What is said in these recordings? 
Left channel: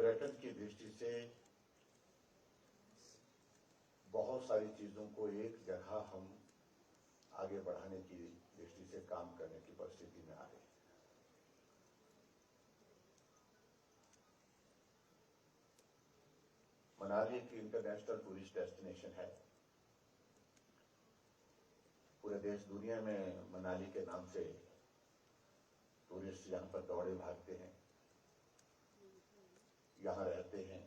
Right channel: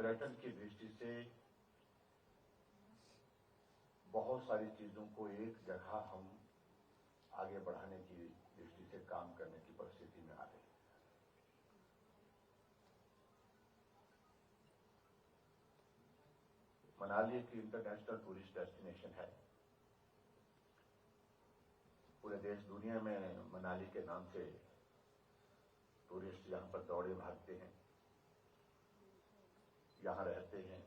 पर्यटन की दृष्टि से बहुत सारी चीजों को एक जगह हम आगे बढ़ाने की दृष्टि से काम करने की परिस्थिति में आ रही है। मनाली एक इंटरनेशनल टूरिस्ट डेस्टिनेशन है। पूरे देश दुनिया में मनाली के नाम से टूरिस्ट यहां पर दौड़े भागते हैं, यहां रहते हैं,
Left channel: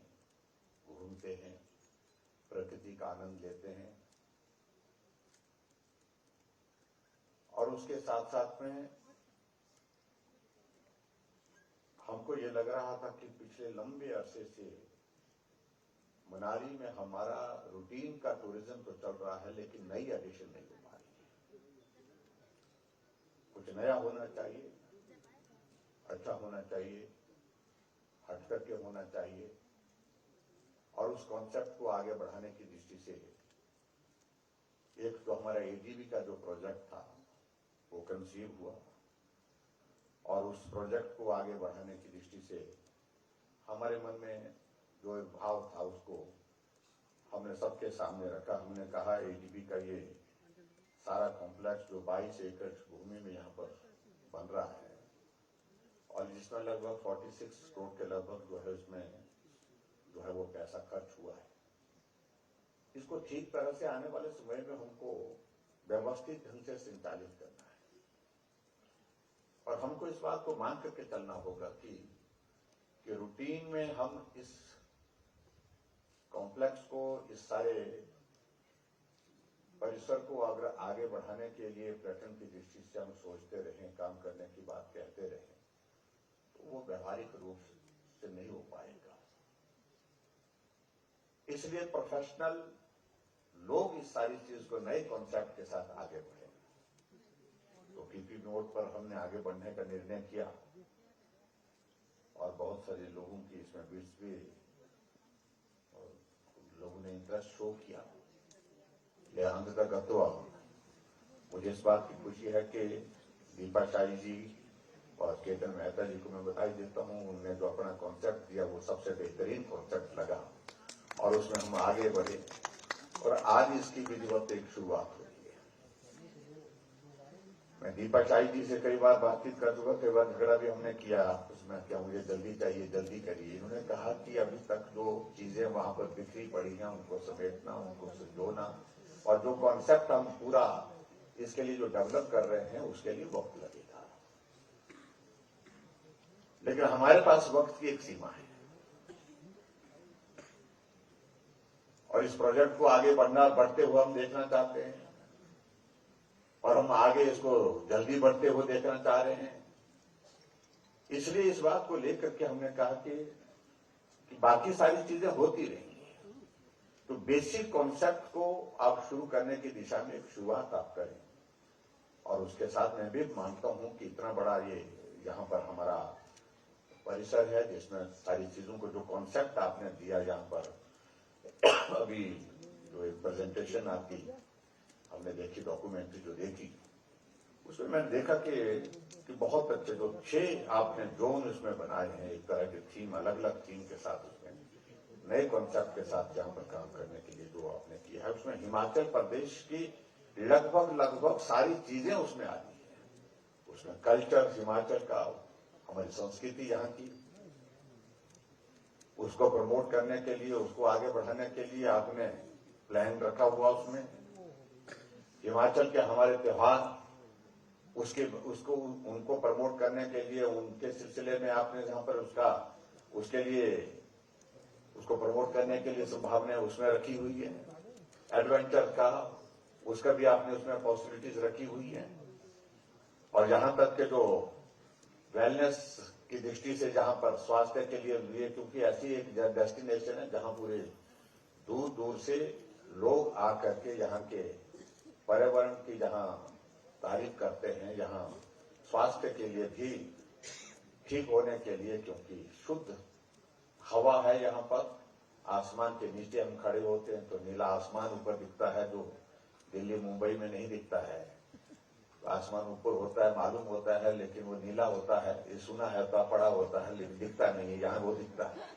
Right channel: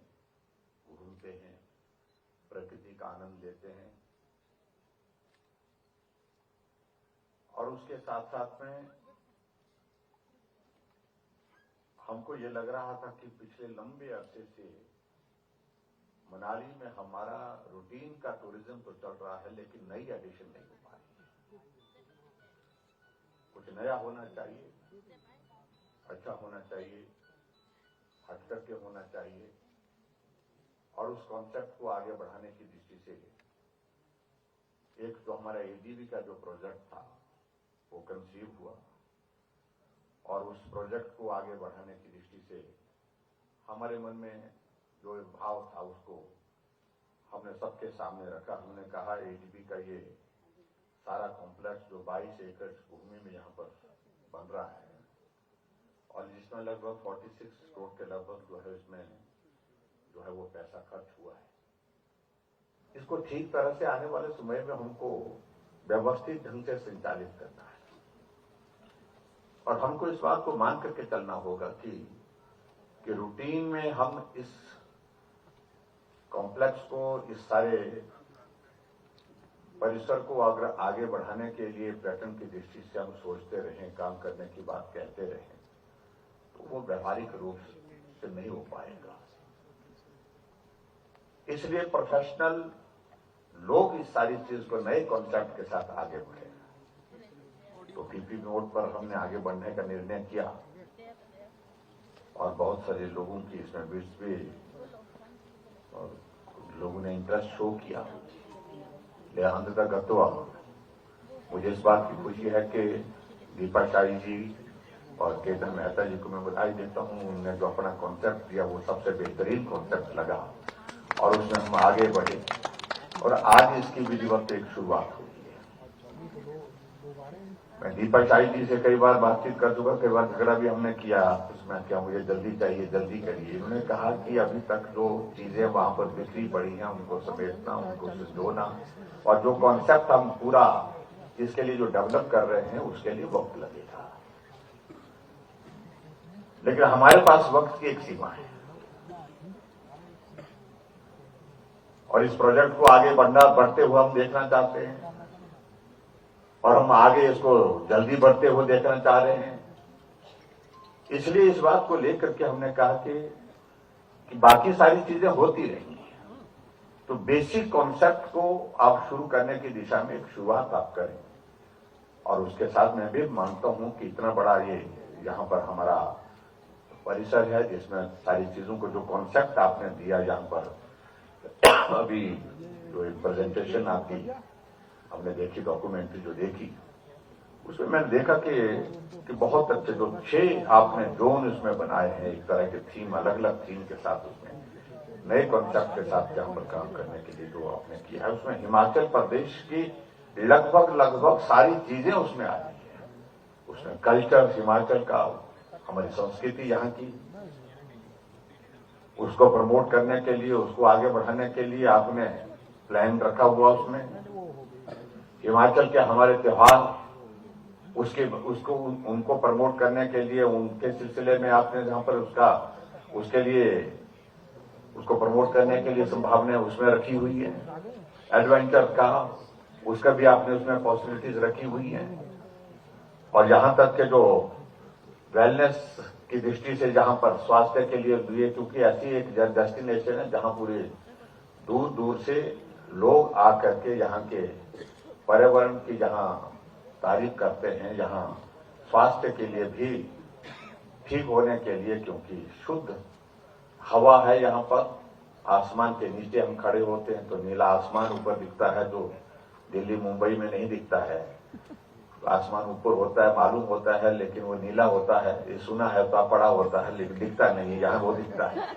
घूमते हैं, प्रकृति का आनंद लेते हैं और उसके साथ साथ में हमको ये लग रहा था कि पिछले लंबे अरसे से मनाली में हमारा रूटीन का टूरिज्म तो चल रहा है लेकिन नई एडिशन नहीं हो पा रही है। कुछ नया होना चाहिए, अच्छा होना चाहिए, हटकर के होना चाहिए और उस कॉन्सेप्ट को आगे बढ़ाने की दृष्टि से एक जो हमारा एडीबी का जो प्रोजेक्ट था वो कंसीव हुआ और उस प्रोजेक्ट को आगे बढ़ाने की दृष्टि से हमारे मन में जो एक भाव था उसको हमने सबके सामने रखा। हमने कहा एडीबी का ये सारा कॉम्प्लेक्स जो 22 एकड़ भूमि में यहाँ पर बन रहा है और जिसमें लगभग 46 करोड़ के लगभग जो है इसमें जो है वो पैसा खर्च हुआ है, इसको ठीक तरह से आने वाले समय में हमको व्यवस्थित ढंग से संचालित करना है और हमको इस बात को मान करके चलना होगा कि रूटीन में हम इस कॉम्प्लेक्स को, इस सारे परिसर को अगर आगे बढ़ाने के लिए पर्यटन की दृष्टि से हम सोचते रहें, काम करने की बात कहते रहें तो वो व्यवहारिक रूप से नहीं हो पाएगा। इसलिए प्रोफेशनल लोग इस सारी चीज को नए कॉन्सेप्ट के साथ आगे बढ़े। तो पीपी मोड पर हमने आगे बढ़ने का निर्णय किया और बहुत सारे लोगों की इसमें बीच भी और लोगों ने इंटरेस्ट शो किया। ले अंततः गत्वा मुझे इस बात की खुशी है कि दीपा शाही जी और केतन मेहता जी को मैं बधाई देता हूं। उन्होंने जो अपना कॉन्सेप्ट दिया वो सबसे बेहतरीन कॉन्सेप्ट लगा और उसमें हम आगे बढ़े और आज इसकी विधिवत एक शुरुआत हुई है। मैं दीपा शाही जी से कई बार बातचीत कर चुका, कई बार झगड़ा भी हमने किया उसमें, क्या मुझे जल्दी चाहिए, जल्दी करिए। उन्होंने कहा कि अभी तक जो चीजें वहां पर बिखरी पड़ी हैं उनको समेटना, उनको संजोना और जो कॉन्सेप्ट हम पूरा इसके लिए जो डेवलप कर रहे हैं उसके लिए वक्त लगेगा, लेकिन हमारे पास वक्त की एक सीमा है और इस प्रोजेक्ट को आगे बढ़ते हुए हम देखना चाहते हैं और हम आगे इसको जल्दी बढ़ते हुए देखना चाह रहे हैं। इसलिए इस बात को लेकर के हमने कहा कि बाकी सारी चीजें होती रहेंगी, तो बेसिक कॉन्सेप्ट को आप शुरू करने की दिशा में एक शुरुआत आप करें और उसके साथ मैं भी मानता हूं कि इतना बड़ा ये यहां पर हमारा परिसर है जिसमें सारी चीजों को जो कॉन्सेप्ट आपने दिया, यहां पर अभी जो एक प्रेजेंटेशन आपकी हमने देखी, डॉक्यूमेंट्री जो देखी, उसमें मैंने देखा कि बहुत अच्छे जो 6 आपने जोन उसमें बनाए हैं, एक तरह के थीम, अलग अलग थीम के साथ उसमें नए कॉन्सेप्ट के साथ जहां पर काम करने के लिए जो आपने किया है, उसमें हिमाचल प्रदेश की लगभग सारी चीजें उसमें आ रही है। उसमें कल्चर हिमाचल का, हमारी संस्कृति यहाँ की, उसको प्रमोट करने के लिए, उसको आगे बढ़ाने के लिए आपने प्लान रखा हुआ। उसमें हिमाचल के हमारे त्योहार, उनको प्रमोट करने के लिए, उनके सिलसिले में आपने जहां पर उसके लिए उसको प्रमोट करने के लिए संभावनाएं उसमें रखी हुई है। एडवेंचर का उसका भी आपने उसमें पॉसिबिलिटीज रखी हुई हैं और यहां तक के जो वेलनेस की दृष्टि से जहां पर स्वास्थ्य के लिए, क्योंकि ऐसी एक डेस्टिनेशन है जहां पूरे दूर दूर से लोग आकर के यहाँ के पर्यावरण की जहां तारीफ करते हैं, यहाँ स्वास्थ्य के लिए भी ठीक होने के लिए, क्योंकि शुद्ध हवा है यहाँ पर। आसमान के नीचे हम खड़े होते हैं तो नीला आसमान ऊपर दिखता है, जो दिल्ली मुंबई में नहीं दिखता है। आसमान ऊपर होता है, मालूम होता है, लेकिन वो नीला होता है, ये सुना है तो पड़ा होता है, लेकिन दिखता नहीं है। यहाँ वो दिखता है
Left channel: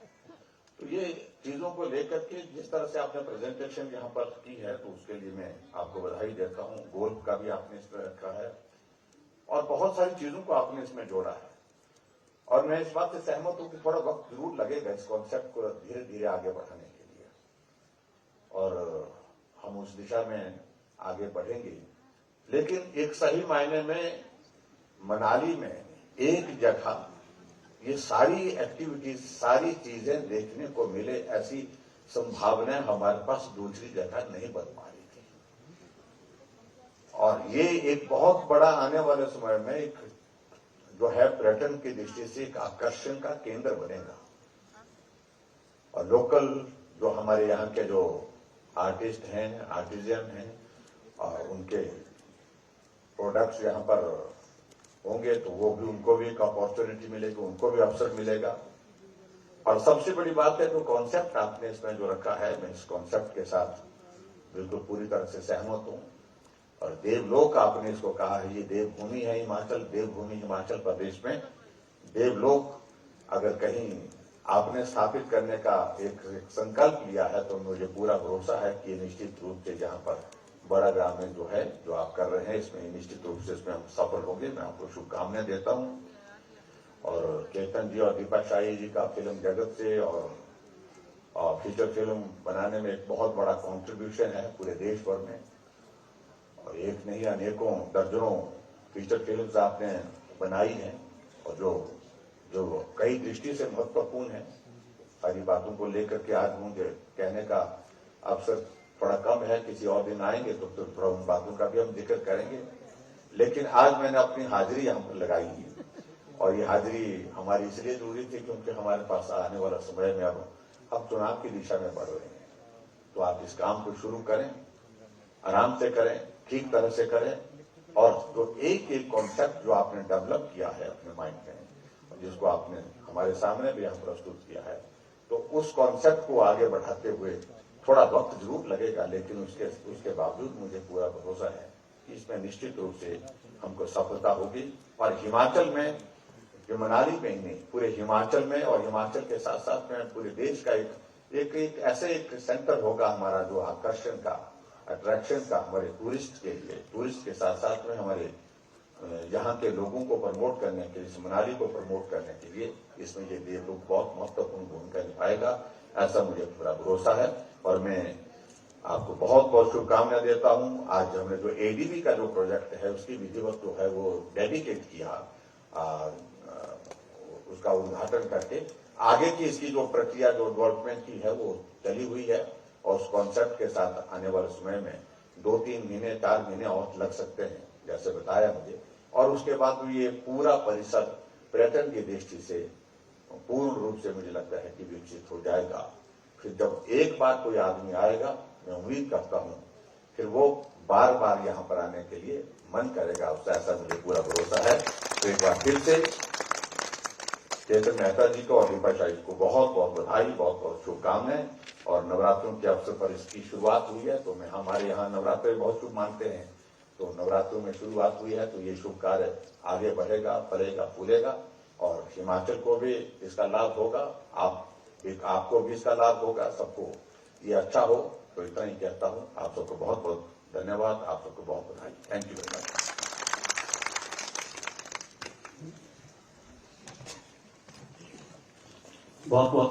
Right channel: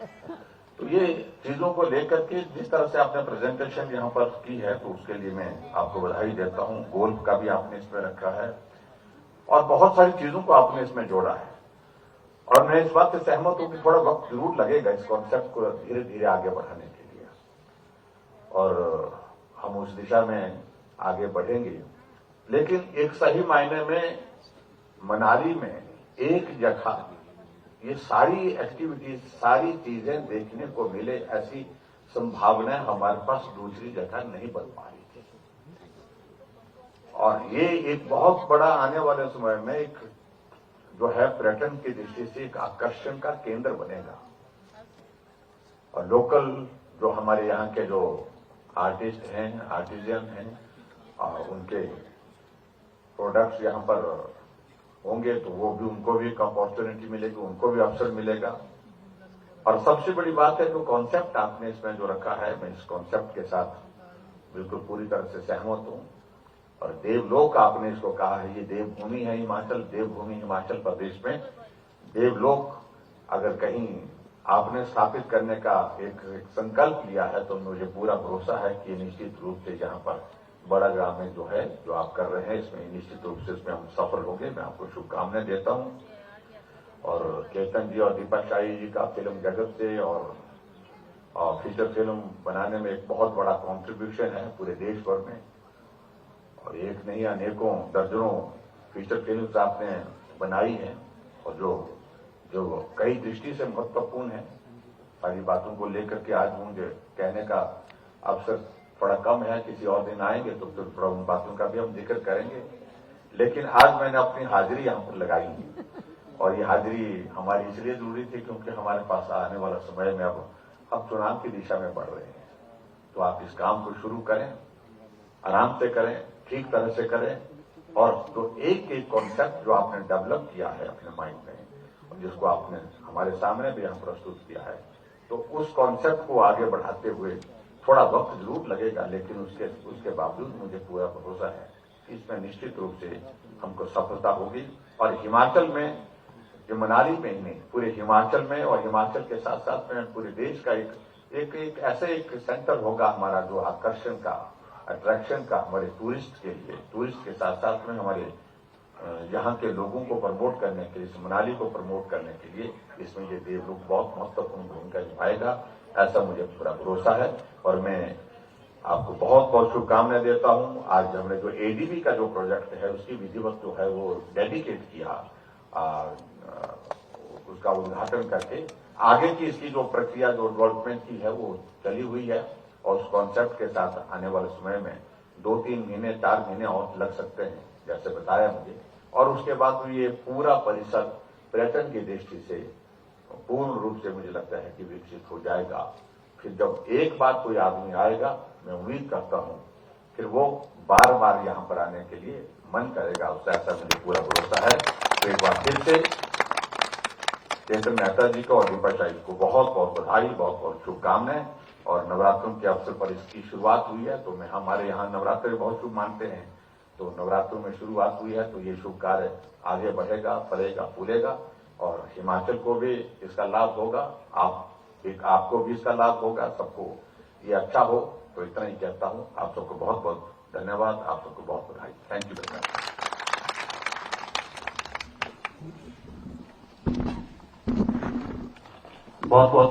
तो ये चीजों को लेकर के जिस तरह से आपने प्रेजेंटेशन यहाँ पर की है, तो उसके लिए मैं आपको बधाई देता हूँ। गोल्फ का भी आपने इसमें रखा है और बहुत सारी चीजों को आपने इसमें जोड़ा है, और मैं इस बात से सहमत हूं कि थोड़ा वक्त जरूर लगेगा इस कॉन्सेप्ट को धीरे धीरे आगे बढ़ाने के लिए, और हम उस दिशा में आगे बढ़ेंगे। लेकिन एक सही मायने में मनाली में एक जगह ये सारी एक्टिविटीज, सारी चीजें देखने को मिले, ऐसी संभावनाएं हमारे पास दूसरी जगह नहीं बन पा रही थी। और ये एक बहुत बड़ा आने वाले समय में एक जो है पर्यटन की दृष्टि से एक आकर्षण का केंद्र बनेगा। और लोकल जो हमारे यहाँ के जो आर्टिस्ट हैं, आर्टिजियन हैं, उनके प्रोडक्ट्स यहाँ पर होंगे, तो वो भी, उनको भी एक अपॉर्चुनिटी मिलेगी, उनको भी अवसर मिलेगा। और सबसे बड़ी बात है जो कॉन्सेप्ट आपने इसमें जो रखा है, मैं इस कॉन्सेप्ट के साथ बिल्कुल पूरी तरह से सहमत हूं। और देवलोक आपने इसको कहा है, ये देवभूमि है हिमाचल, देवभूमि हिमाचल प्रदेश में देवलोक अगर कहीं आपने स्थापित करने का एक संकल्प लिया है, तो मुझे पूरा भरोसा है कि निश्चित रूप से यहाँ पर बड़ा ग्राम में जो है, जो आप कर रहे हैं, इसमें निश्चित रूप से इसमें हम सफल होंगे। मैं आपको शुभकामनाएं देता हूं। और केतन जी और दीपक शाही जी का फिल्म जगत से और फीचर फिल्म बनाने में एक बहुत बड़ा कंट्रीब्यूशन है पूरे देश भर में, और एक नहीं अनेकों दर्जनों फीचर फिल्म्स आपने बनाई हैं, और जो कई दृष्टि से महत्वपूर्ण है। सारी बातों को लेकर के आज मुझे कहने का अवसर थोड़ा कम है, किसी और दिन आएंगे तो फिर थोड़ा उन बातों का भी हम जिक्र करेंगे। लेकिन आज मैंने अपनी हाजिरी यहाँ पर लगाई है, और ये हाजिरी हमारी इसलिए जरूरी थी क्योंकि हमारे पास आने वाला समय में अब चुनाव की दिशा में बढ़ रहे हैं। तो आप इस काम को शुरू करें, आराम से करें, ठीक तरह से करें, और जो एक एक कॉन्सेप्ट जो आपने डेवलप किया है अपने माइंड में, जिसको आपने हमारे सामने भी यहाँ प्रस्तुत किया है, तो उस कॉन्सेप्ट को आगे बढ़ाते हुए थोड़ा वक्त जरूर लगेगा, लेकिन उसके बावजूद मुझे पूरा भरोसा है कि इसमें निश्चित रूप से हमको सफलता होगी। और हिमाचल में, जो मनाली में ही नहीं, पूरे हिमाचल में, और हिमाचल के साथ साथ में पूरे देश का एक ऐसे एक सेंटर होगा हमारा, जो आकर्षण का, अट्रैक्शन का हमारे टूरिस्ट के लिए, टूरिस्ट के साथ साथ में हमारे यहाँ के लोगों को प्रमोट करने के लिए, मनाली को प्रमोट करने के लिए इसमें ये देवलोक बहुत महत्वपूर्ण भूमिका निभाएगा, ऐसा मुझे पूरा भरोसा है। और मैं आपको बहुत बहुत शुभकामनाएं देता हूं। आज हमने जो एडीबी का जो प्रोजेक्ट है, उसकी विधिवत जो है वो डेडिकेट किया, उसका उद्घाटन करके आगे की इसकी जो प्रक्रिया, जो डेवलपमेंट की है, वो चली हुई है। और उस कॉन्सेप्ट के साथ आने वाले समय में 2-3 महीने, 4 महीने और लग सकते हैं, जैसे बताया मुझे। और उसके बाद ये पूरा परिसर पर्यटन की दृष्टि से पूर्ण रूप से मुझे लगता है कि विकसित हो जाएगा। फिर जब एक बार कोई आदमी आएगा, मैं उम्मीद करता हूं फिर वो बार बार यहाँ पर आने के लिए मन करेगा, उससे ऐसा मुझे पूरा भरोसा है। तो एक बार फिर से केतन मेहता जी को और दीपक शाही को बहुत बहुत बधाई, बहुत बहुत शुभकामनाएं। और नवरात्रों के अवसर पर इसकी शुरुआत हुई है, तो मैं, हमारे यहाँ नवरात्र बहुत शुभ मानते हैं, तो नवरात्रों में शुरुआत हुई है, तो ये शुभ कार्य आगे बढ़ेगा, फलेगा, फूलेगा, और हिमाचल को भी इसका लाभ होगा, आपको भी इसका लाभ होगा, सबको ये अच्छा हो। तो इतना ही कहता हूं। आप सबको बहुत बहुत धन्यवाद, आप सबको बहुत बधाई। Thank you very much. बहुत बहुत